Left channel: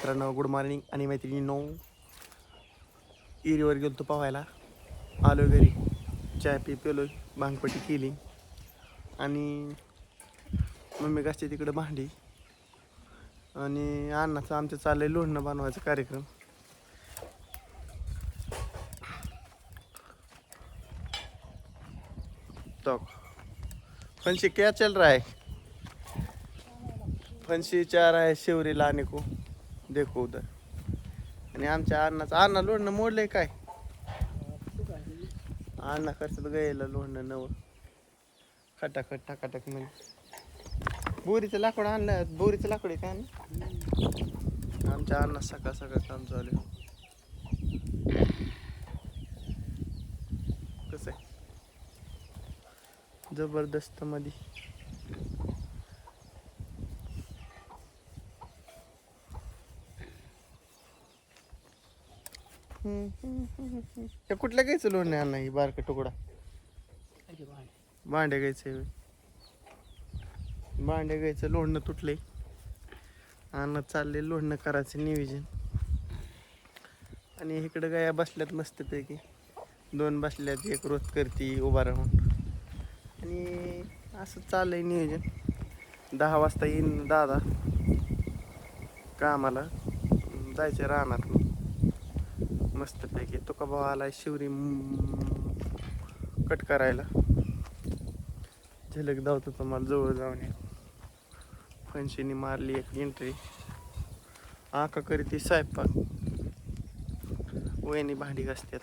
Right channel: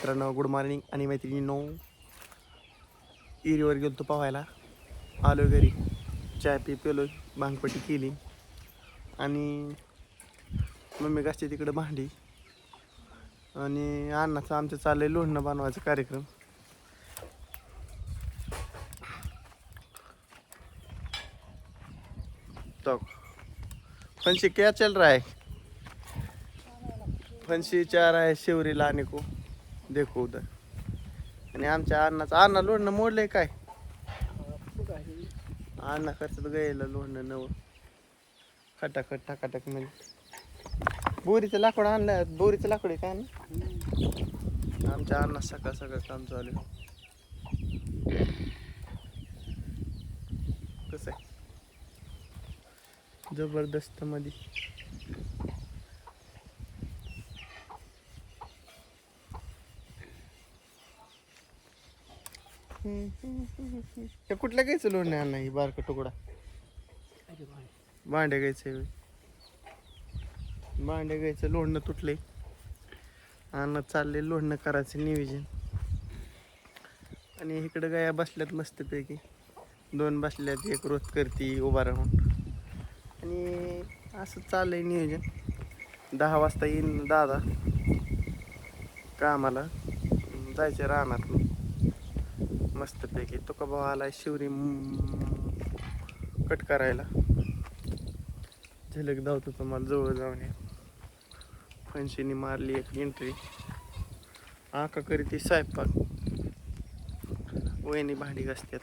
मित्रांनो good morning आणि मैत्रिणींनो. इरीवर गेलो तो पोहायला. आलो घरी. चाय पी पेलो भांगपट्टी केली. आणि मम्मी घासते तिकडं भांडी. आणि अण्णाचं आमचं चाललं आहे लोणणं बनवायचा कार्यक्रम. तो. क्या चल रहा है? फणशी चार आहे शिवरीला आणि को. देखो उधर आणि आमच्या अण्णाचं अण्णा लोणनं मोडलंय काय? अण्णा करतात गायला लोणनं नव. खटाखट टाकाटक म्हणजे बोरीचं लाकूड आणलं बोरीचं लाकूड आहे काय ना आमच्या अण्णा सकाळ सकाळ काम चालू आहे. कसं आहे? जबरदस्त मध्ये त्या कुठल्या घ्यायचं लोण नाही अण्णा ही बारका तुकडा. भांडे घ्यायचे भांडे गायचं लोणनं तुटले अन्न चालले लोणनं करायचं नियोजन. आणि इकडं गाया बसल्यात मस्तपैकी. दोन बसल्यात एक रोज करती उभा राहून. आणि असं चाललंय नियोजन. दहा वाजता येईन दादा. कामाला. जायचं रानात मस्तपैकी तो का भाऊ आलाय शिवरी. कट करायला. झलक धावतो तुम्हाला जवळ जाऊन या. फणशीने मारली एक एंट्री आका करीत ती स्वयंपाक. वहिनी भांडी घासतात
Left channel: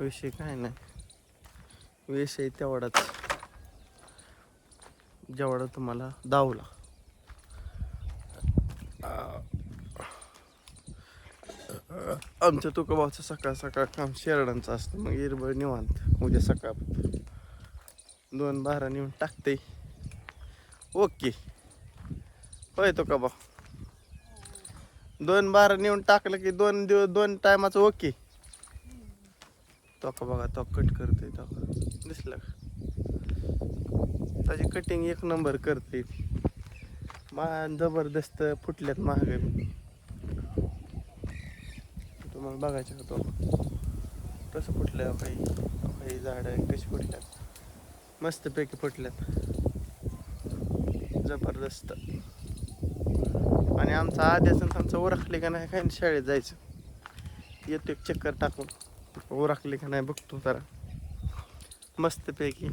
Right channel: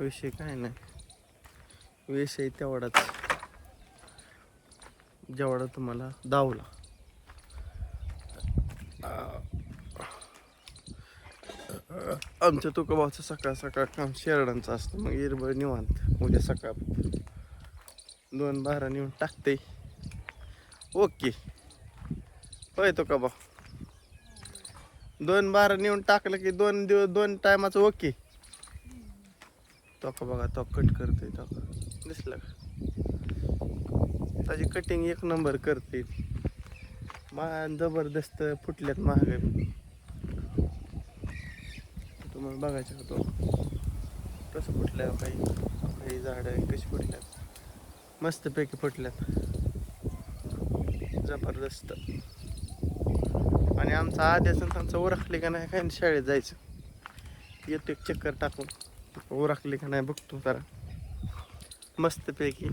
विषय काय नाही. विषय तेवढाच. जेवढा तुम्हाला दावला आमच्या तुकोबाचं सकाळ सकाळ काम शेरडांचं असतं. मग इरबळ निवांत. उद्या सकाळ दोन बारा नेऊन टाकते. ओके. होय तुकोबा दोन बारा नेऊन टाकलं की दोन दिवस दोन टायमाचं ओके. तो का बघा तो कट करतोय तो. दिसलं का? त्याची कटिंग एक नंबर करते मा जबरदस्त फुटल्यात महाग तुम्हाला बघायचं होतं कसं फुटलं काही काही झाडं कशी फुटल्यात? मस्तपैकी फुटल्यात. जबरदस्त. आणि आमचा आद्याचं त्यांचं ओरखले का नाही काय शाळेत जायचं. येते एक चक्कर टाकून. ओरखले का नाही बघतो जरा. मस्तपैकी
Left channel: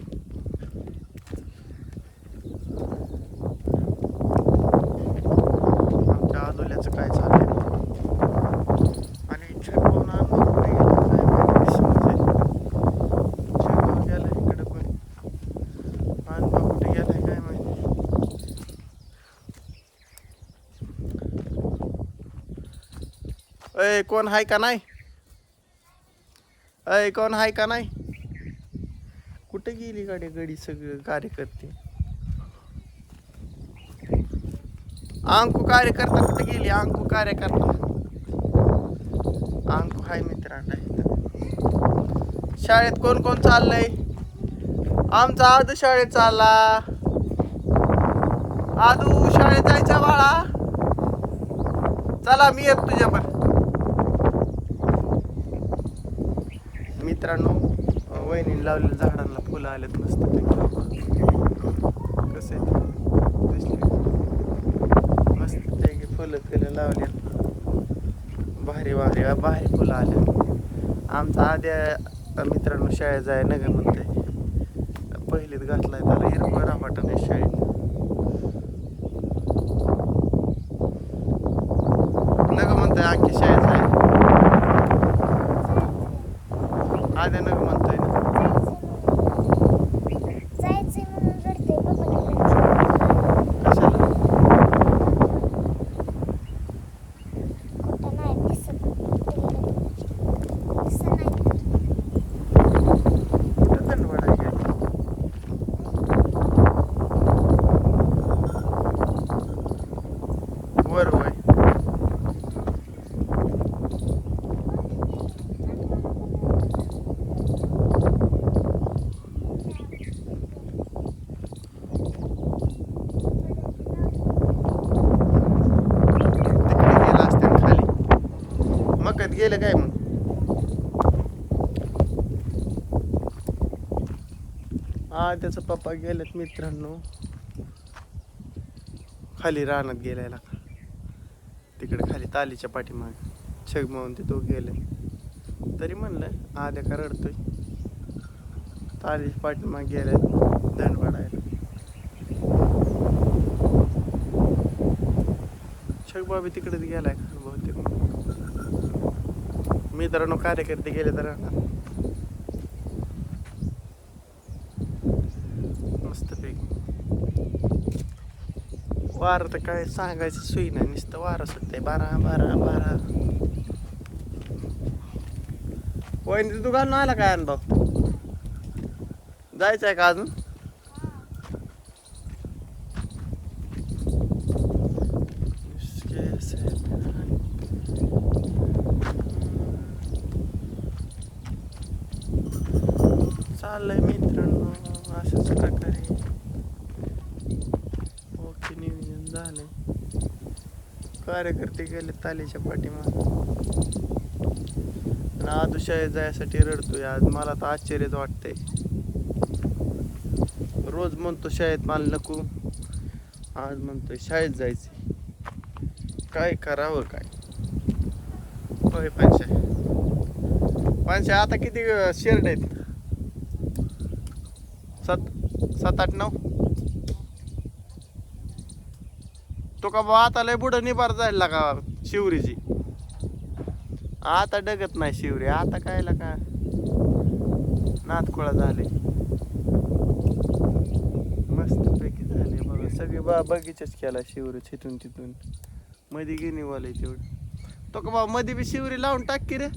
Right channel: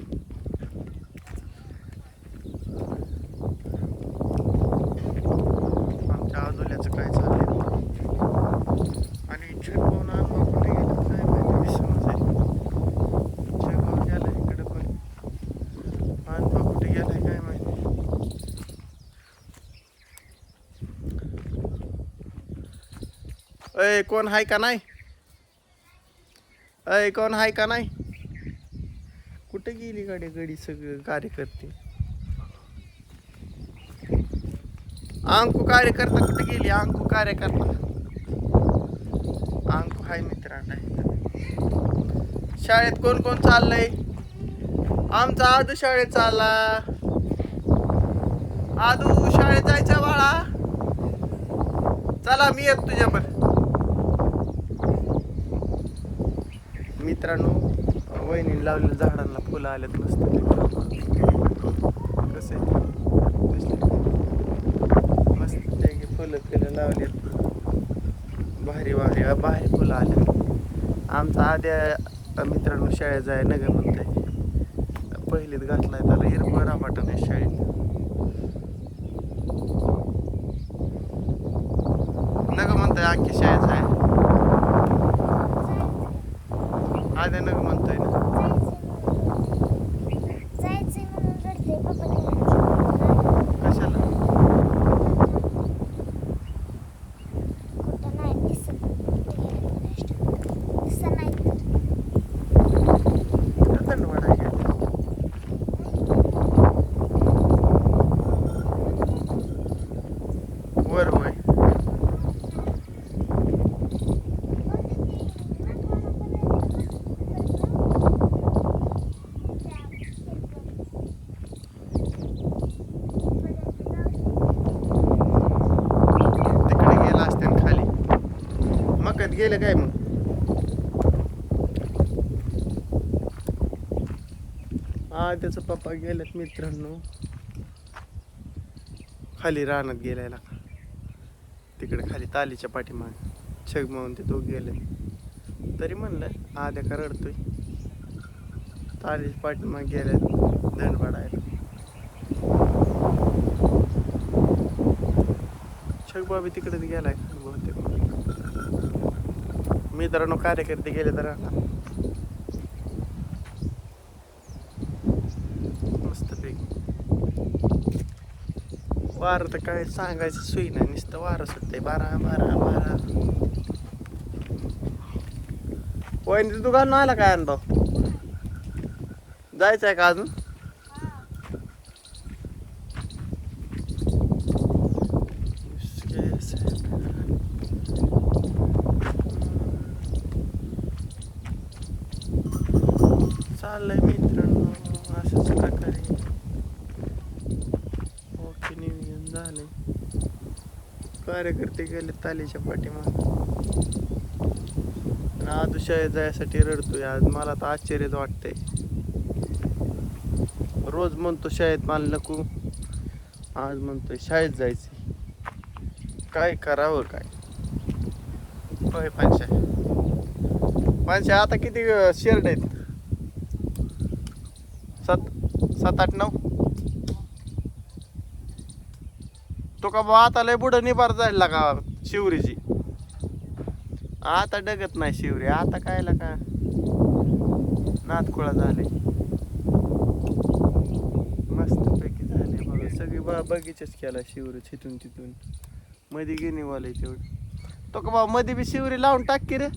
आमच्या आदोल्याचं काय चाललंय आणि छटकून आणून कुठे गेलं काय माहिती दिसूनच आहे. छटकून गेला इकडं पण आणपा कुठे गेलाय काय माहिती अय कोण आहे का नाही अय कोण आहे का नाही कुठे गेली गाडी गडी सगळं कार्यकर्ते अंकू कार्यकर्ता कुठे गेली अंकू कार्यकर्ता अंकू हाय मित्रांना शाळेत कोण कोण चाललंय आमचा आदू शाळेत चालला आदू शाळेत जायचा बाळा चला मी येत तुझ्या पण मित्रांनो. वहिनी लावलेल्या झाडांना फुलं आल्यात मस्त कसे मस्त पैकी फुलं फिरं लावलेत. भारी वाढी भारी फुलं आले आमचा आद्या मित्रांनो शाळेत जाय नगर म्हणते पहिलीत घातलाय त्याला हिरवं रापाटा आहे शाळेत नग म्हणतोय आखी शाळेत जाय आद्या नग म्हणतोय ना कशाला कुठं थंड वाटायला गेलं वर वय गेलं काय मग? हा त्याचा पप्पा गेलेत मित्रांनो. खाली रानात गेलायला. तिकडे खाली तालीच्या पाठीमाग. छगमावून ते तो गेले तरी म्हणलं आद्या का रडतोय? तालीच्या पाठीमाग गेल्यात धनवाडायला छगबाबी तिकडेच गेलाय बहुतेक मित्रांनो कार्यकर्ते गेले तर. मस्तपैकी वारं तर काय सांगायचं सोयी नाही नुसतं वारं सुटतंय बारा बारा बारा. वहिनी तू घालून आला काय अनुभव? जायचं आहे का अजून कैसे चाललंय मित्रांनो अशाच प्रकारे. ओके नियोजन झाले कार्यकर्ते गेले तालीच्या पाठीमाग. आणि आदू शाळेत जायसाठी रडतोय. आज मला तर आश्चर्यच वाटतंय. रोज म्हणतो शाळेत मला नको. आज म्हणतोय शाळेत जायचे काय करावं काय? होय पाचशे पाचशे आता किती शेअर्ड आहेत? सात सात आठ नऊ. तो का बा आता लय बुडं निभार जायला का शिवरीची. आता डगत नाही शिवरी आता काय का नातकुळा झाले. मस्त पैकी झाले बघा सगळी बा बगीचाच केला शिवरी चिथून तिथून मध्ये गेली वाले तेवढं. तो का बा मध्ये बी शिवरी लावून टाक की रे.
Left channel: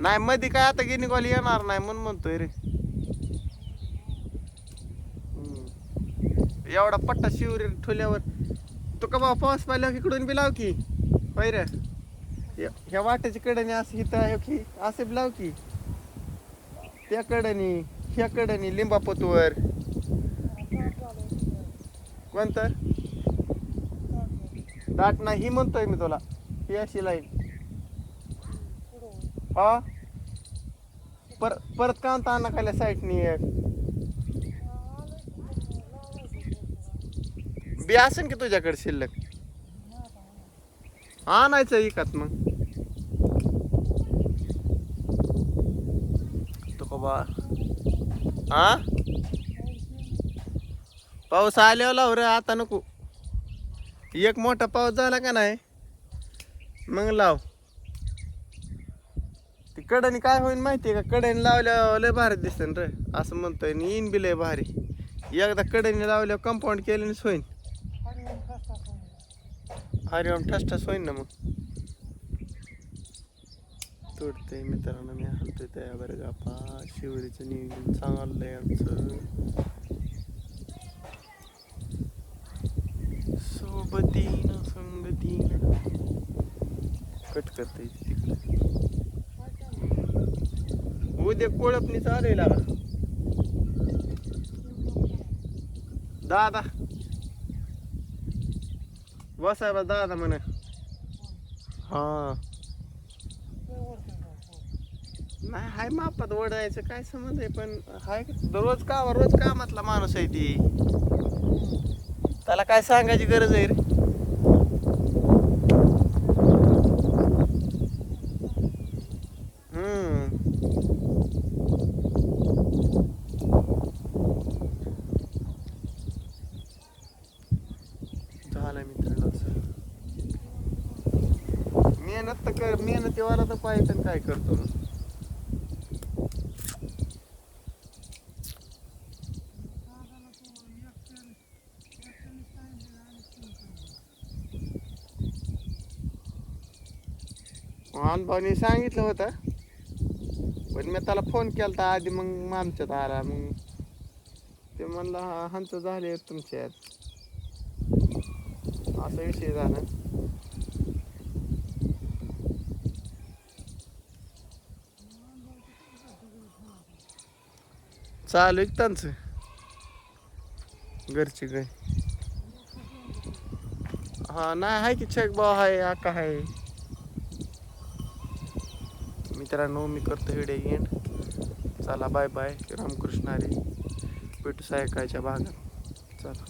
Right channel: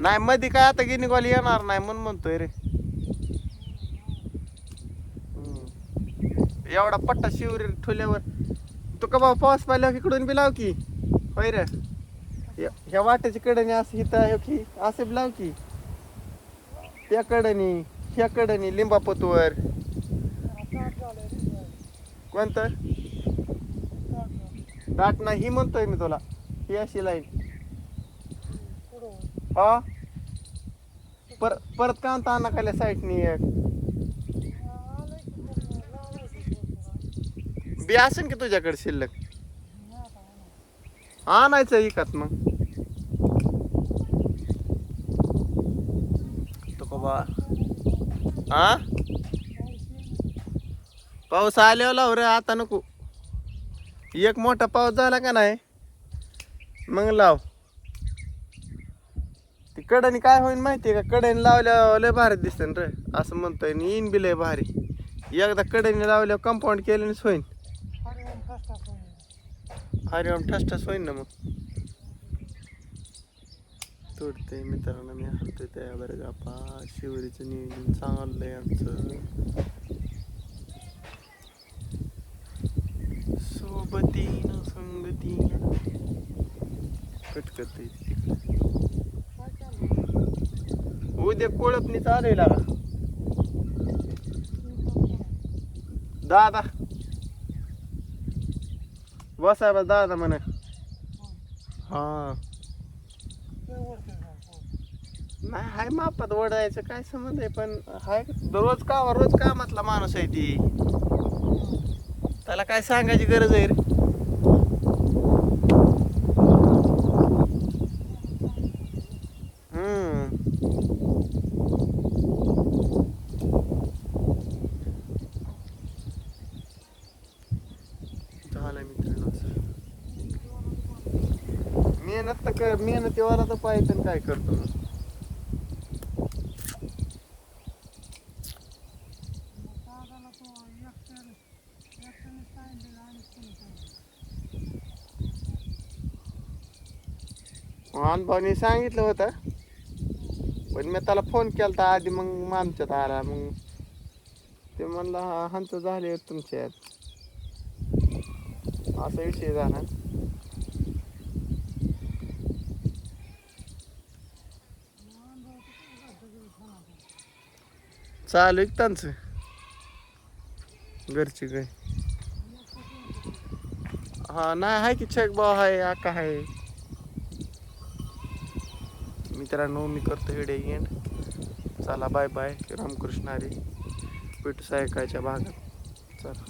नाही मध्ये काय आता गिनीगॉल येणार नाही म्हणून म्हणतोय रे. एवढा पट्टा शिवरी ठुल्यावर तू का बाबा पाऊस पाहिला इकडून बी लाव की. होय रे. ह्या- ह्या वाट्याची कडेने असं इथं आहे की असे बी लाव की. त्या कडेने ह्या कडेने लिंबापतवर. कोणतं? दाट नाही ही म्हणतोय मी तुला. ही अशी लाईन. हा? पर परत का आणता आणा खाल्या साईडनी एक? बी असेल की तुझ्याकडे शिल्लक? आणायचं इकात मग. तो बा हा पाऊस आल्यावर लाव रे आता नको. एक मोठा पाऊस झाला का नाही? मग लाव. ती कडेने काय होईल आहे का? कड्याने लावल्यावर लय भारी दिसेल रे. असं म्हणतोय येईन बी लय भारी. एकदा कड्याने लावल्यावर कंपाऊंड केल्यानेच होईन. हरिओम ठसठस होईन ना मग. तोडते मित्रांनो मी हलतोय त्या बरं गापा शिवरीचं नियोजन चांगलंय आमचं. सोबतीनं संगतीनं. कट करते ते कोळपणी चालेल लागा दादा. बसा बस दादा म्हणे. हा. नाही हाय मापात ओढायचं काय संबंध आहे पण हाय रोज काम रोज कामातला माणूस आहे ती. त्याला काय सांगायची गरज आहे रे हम्म झालं मित्रांनो असं. मेहनत तर कर मेहनतीवाला तर पाहिजे तर काय करतो मग? भाऊनी सांगितलं होतं. पण मी त्याला फोन केला तर आधी मग आमच्यात आला. मग ते म्हणलं हा हांचं झाले तुमच्यात. असा विषय झाला. चालू एक की त्यांचं? घरची गाय हा नाही आहे की छेक भाऊ आहे आका आहे मित्रांनो मी करतो हिडे एंड चला बाय बाय रामकृष्ण हरी. भेटू सायकाच्या भागात. चला.